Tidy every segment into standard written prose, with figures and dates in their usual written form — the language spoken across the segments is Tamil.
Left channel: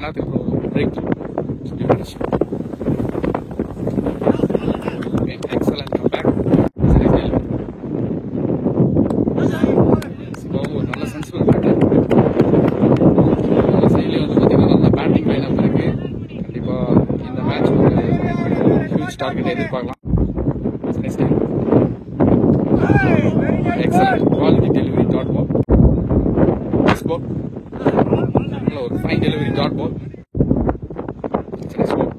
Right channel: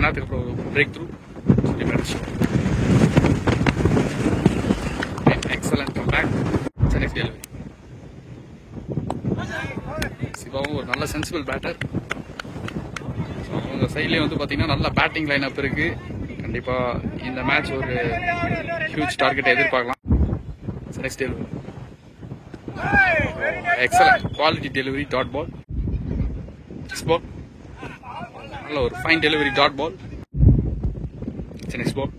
மணி நேரத்துக்கு அப்புறம் break through excellent come back. சரி சிவாவும் ஒரு நல்ல சென்சிபிள் பேட்டர். இந்த சைட்லேயே வந்து பார்த்தீங்கன்னா நல்ல பேட்டிங் லைன் அப் இருக்கு. கண்டிப்பாக இந்த மேட்ச் ஒரு ஹியூஜ் டார்கெட்டை எதிர்பார்க்கலாம். Next time excellent quality delivery dot ball. Next ball நல்ல ஒரு fine delivery dot ball. Next பால்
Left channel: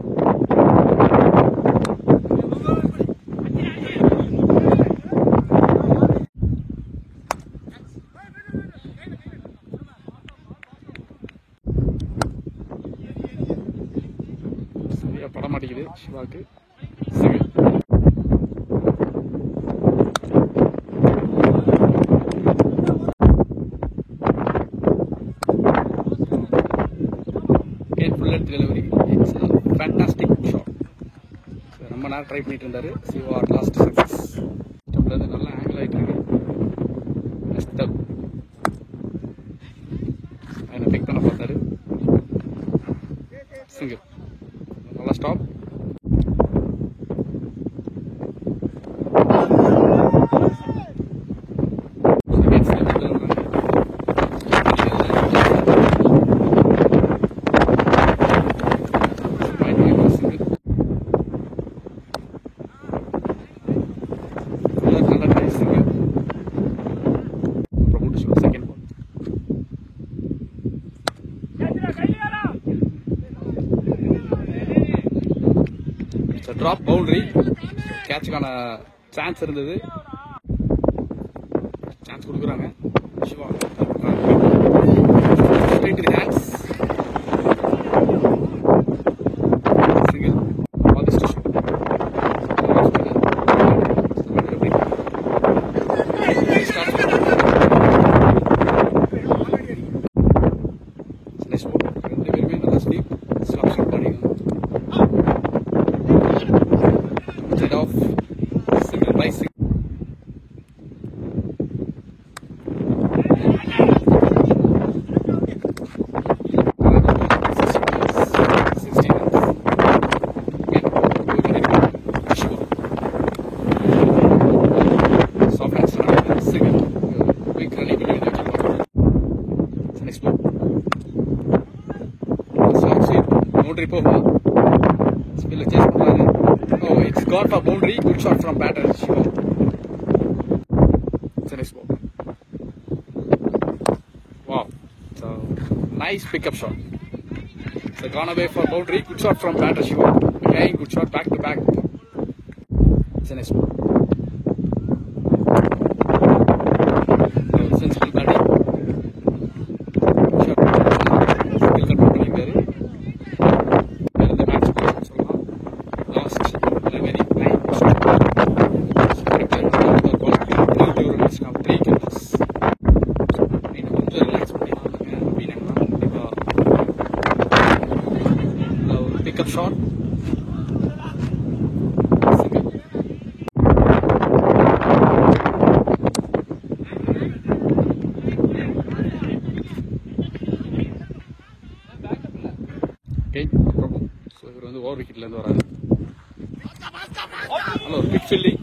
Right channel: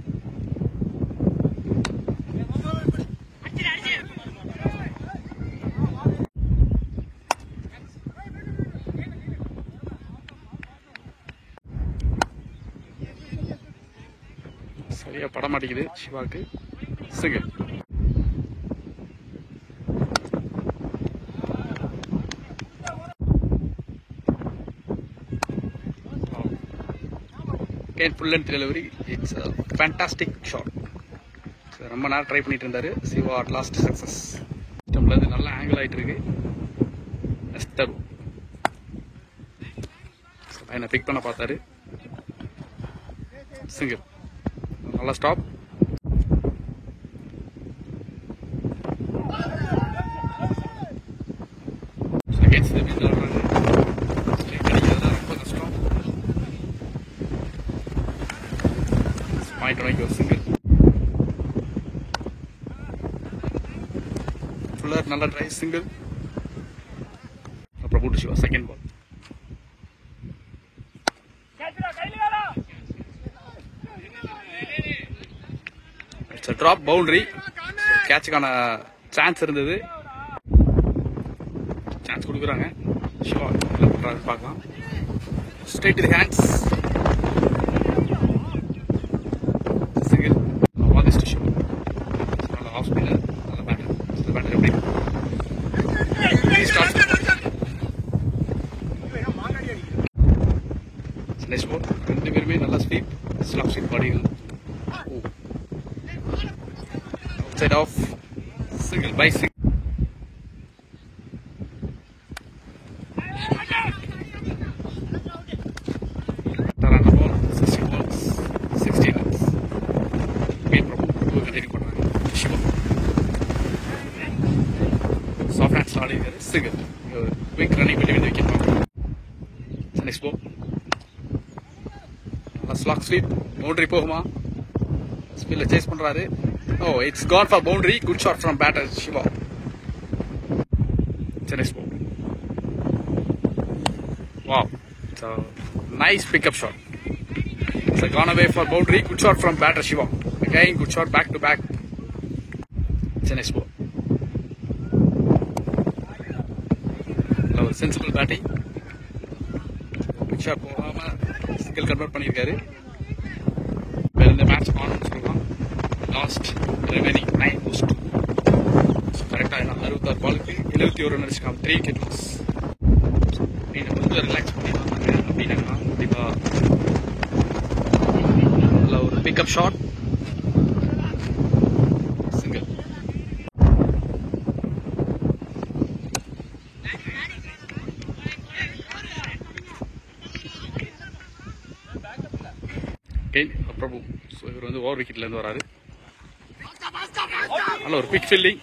சரியா பட மாட்டேங்குது சிவாக்கு. Second full length delivery. It's a fantastic shot. ரொம்ப நேரம் ட்ரை பண்ணிட்டு இருந்தாரு சிவா. At last success. நம்மள அது நல்ல ஆங்கிள் ஆயிட்டு இருக்கு. எஸ்டர் என்ன பிக் பண்ண பார்த்தாரு. சிங்கிள் நல்லா ஸ்டாப். நல்ல நைஸ் சிங்கிள். அப்புறம் கூட்டு Siva second ball. It's drop boundary. கேட்சுக்கான சான்ஸ் இருந்தது. சான்ஸ் கொடுக்குறாங்க Siva. Straight to the hands. Single ஆதிஸ்ட் சிவா. ரெண்டு பேருமே நல்லா ஸ்லீப் ஸ்லாப் ஸ்லீப் பாடிங்க. Side off single by single. Soft hands starting single. Quick running between the wicket. Next ball. Slot sweep. Boundary போகுமா? Spiller chase பண்றாரு. Oh, it's gone for boundary. Good shot from batter Shiva. Next ball. Wow. So nice pickup shot. It's gone away for boundary. Good shot from batter Shiva. Again good shot back to back. Next ball. Sensible batting. Skill convert பண்ணியிருக்காரு. வேற எந்த மேட்ச் பார்க்கணும்னு சொல்லலாம். லாஸ்ட் ரிமைனிங் 9 போஸ்ட் கரெக்டாக குவாலிட்டி 21 ரன் வச்சுக்காம 3 விக்கெட் லாஸ். நீங்கள் கொஞ்சம் ரிலாக்ஸ் பண்ணிடலாம் அப்படின்னாங்கன்னா கண்டிப்பாக நல்ல ஒரு பிக்கப் ஷாட். சிங்கிள். அப்புறம் ஸோ இவர் வந்து ஓவர் விக்கெட்லேருந்து வராது. நல்ல ஒரு pick fielding.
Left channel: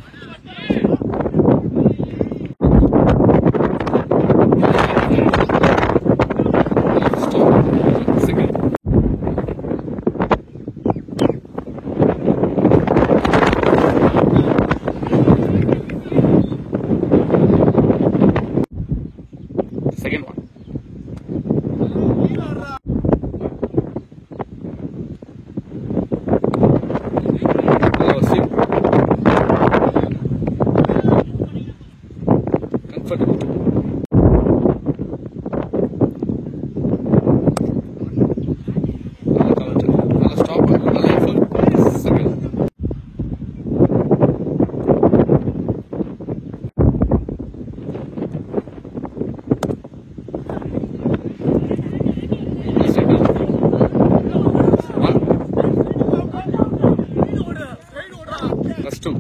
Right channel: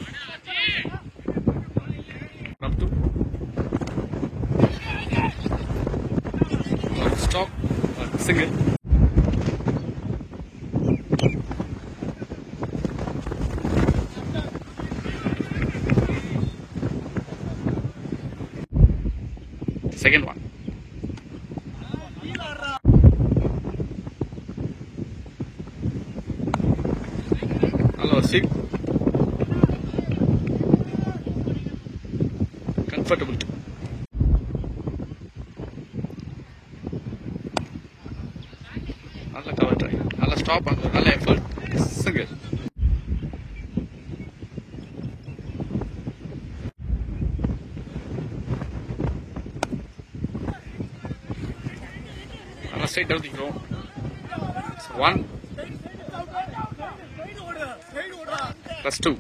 Stop single. Second one. Sweep. Comfortable. Nalla cover try. Nalla stop. Nalla effort. Single. Nalla straight down the floor. One. Plus 2.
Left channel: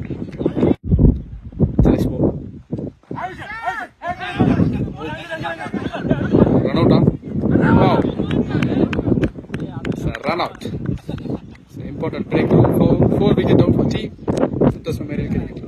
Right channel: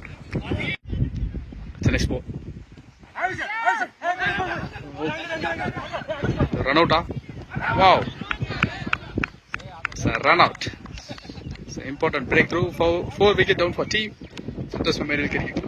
Next ball. Run out. Wow. It's a run out. It's an important breakthrough for 4 wicket down for team. Santosh Memorial Cricket Club.